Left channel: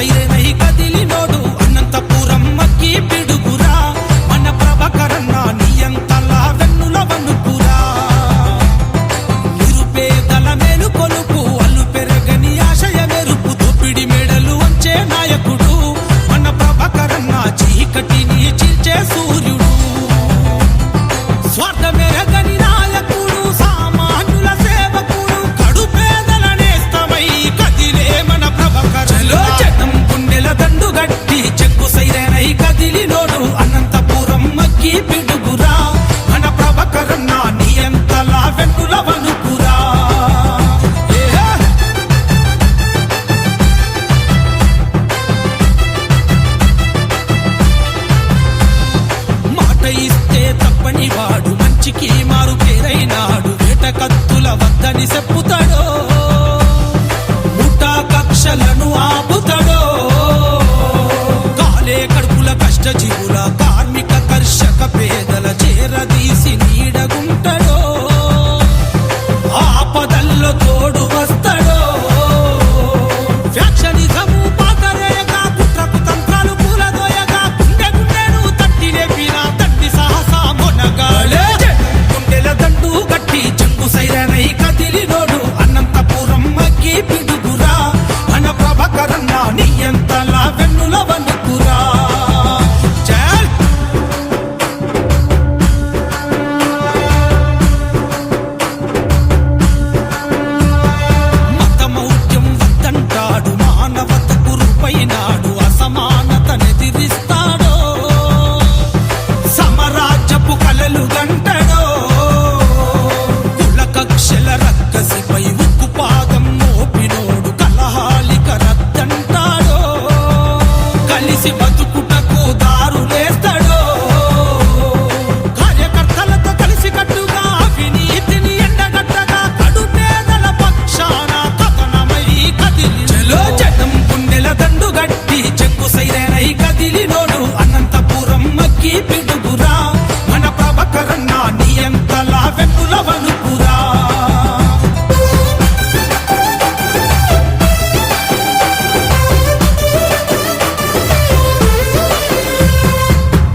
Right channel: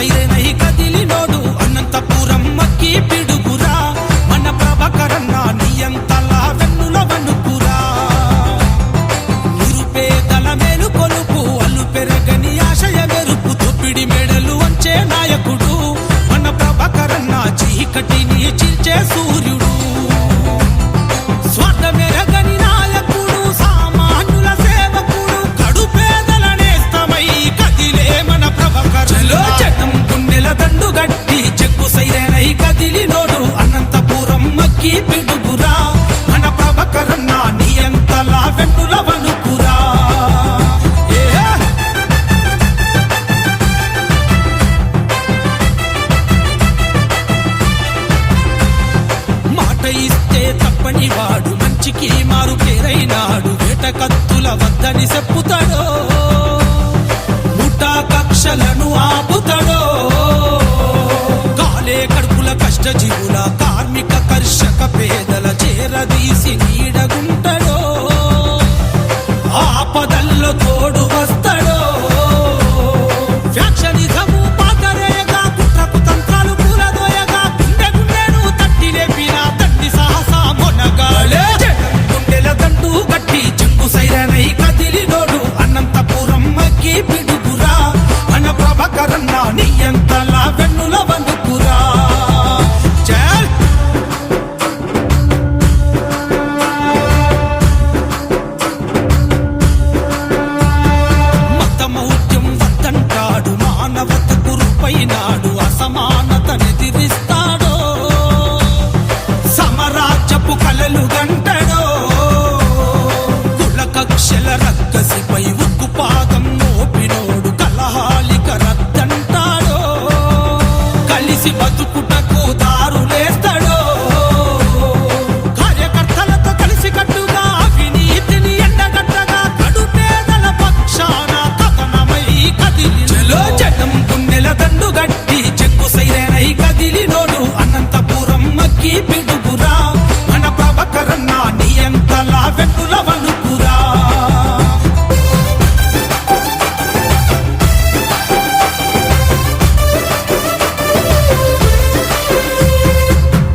సైరనై కదిలినోడు అనంతపురం మక్కి పిడుగురా మన ప్రభాకరన్న నియంతలా వెన్నుల వణుకురా నిరుపేదల మేలు కొలుపు అల్లు పెరగని ఆశయ మెరుపు దోపిడి మెడలు వంచే నాయకుడు మన ప్రభాకరన్న చీకటిని చీల్చే సూర్యుడు స్వార్థ మెరగని నాయకుడు సామాన్యుల సేవకుడు కడు పేదల నేస్తమై కదిలే మన ప్రభాకరన్న జనం గుండెల దండు గట్టి చెక్కు సైరనై కదిలినోడు అనంతపురం మక్కి పిడుగురా మన ప్రభాకరన్న నియంతలా వెన్నుల వణుకురా మాట ఇస్తే తప్పని వాడు మంచికి మారు పేరైనాడు వేట కత్తుల వద్దని చెప్పుతాడో ముఠా కక్షలను ఆపుతాడో కాలే కడుపుల కష్టజీవుల కార్మిక కర్షక పేదల చేరదీసి నీడగుంటడో ఆపదల్లో తోడు వస్తాడో ఫ్యాక్షనిజము పాతరేయగా కుట్రకు తంత్రాలు కూలదోయగా గుండె గుండెను తట్టి లేపిన తండ్రి సాహసా మొనగాలే గుండెల దండు గట్టి చెంగు సైరనై కదిలినోడు అనంతపురం మక్కి పిడుగురా మన ప్రభాకరన్న నియంతలా వెన్నుల వణుకురా చల్ మతమౌఢ్యం వద్దంటాడు మానవతకు రూపైనాడు అసమానతనెదిరిస్తాడో సమరాజ్యపు కలలు గంటడో కుల కక్షల రక్కసిపై ఉక్కు పాదం మోపినోడు కలహాలిక రద్దంటాడో కలిసి బతుకుటకు దారులేస్తాడో కార్యకర్తలతో కలిసి కట్టుగా అవినీతిని ఎండగట్టగా కడు పేదల పక్షాన కథనమై కదిలి జనం గుండెల దండు గట్టి చెక్కు సైరనై కదిలినోడు అనంతపురం మక్కి పిడుగురా మన ప్రభాకరన్న నియంతలా వెన్నుల వణుకురా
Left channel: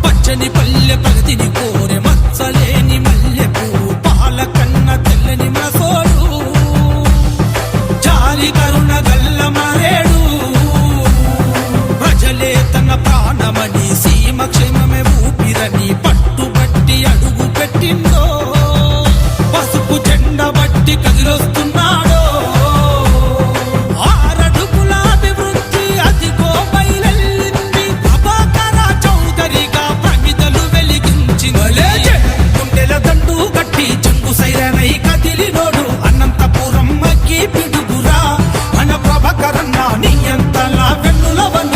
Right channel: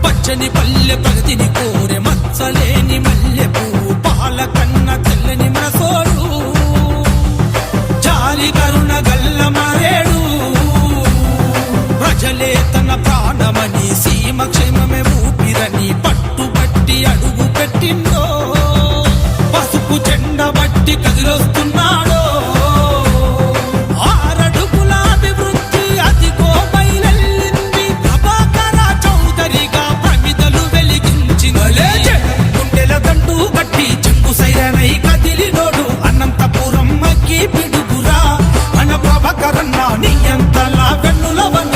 పచ్చని పల్లె ప్రగతిని కోరె మచ్చలేని మల్లె పువ్వు పాలకన్న తెల్లని మనసోడు జాలి కరుణ గల్ల మరేడు ప్రజలే తన ప్రాణమని సీమ క్షేమమే ఊపిరని పట్టుబట్టి అడుగు పెట్టిందో పసుపు జెండ బట్టి కదిలొస్తున్నాడో ఆరడుగుల అభివృద్ధి అదిగో బయలెల్లింది ప్రభాకర చౌదరిగా ప్రమిదలు వెలిగించింది గుండెల దండు గట్టి చెంగు సైరనై కదిలినోడు అనంతపురం మక్కి పిడుగురా మన ప్రభాకరన్న నియంతలా వెన్నుల వణుకురా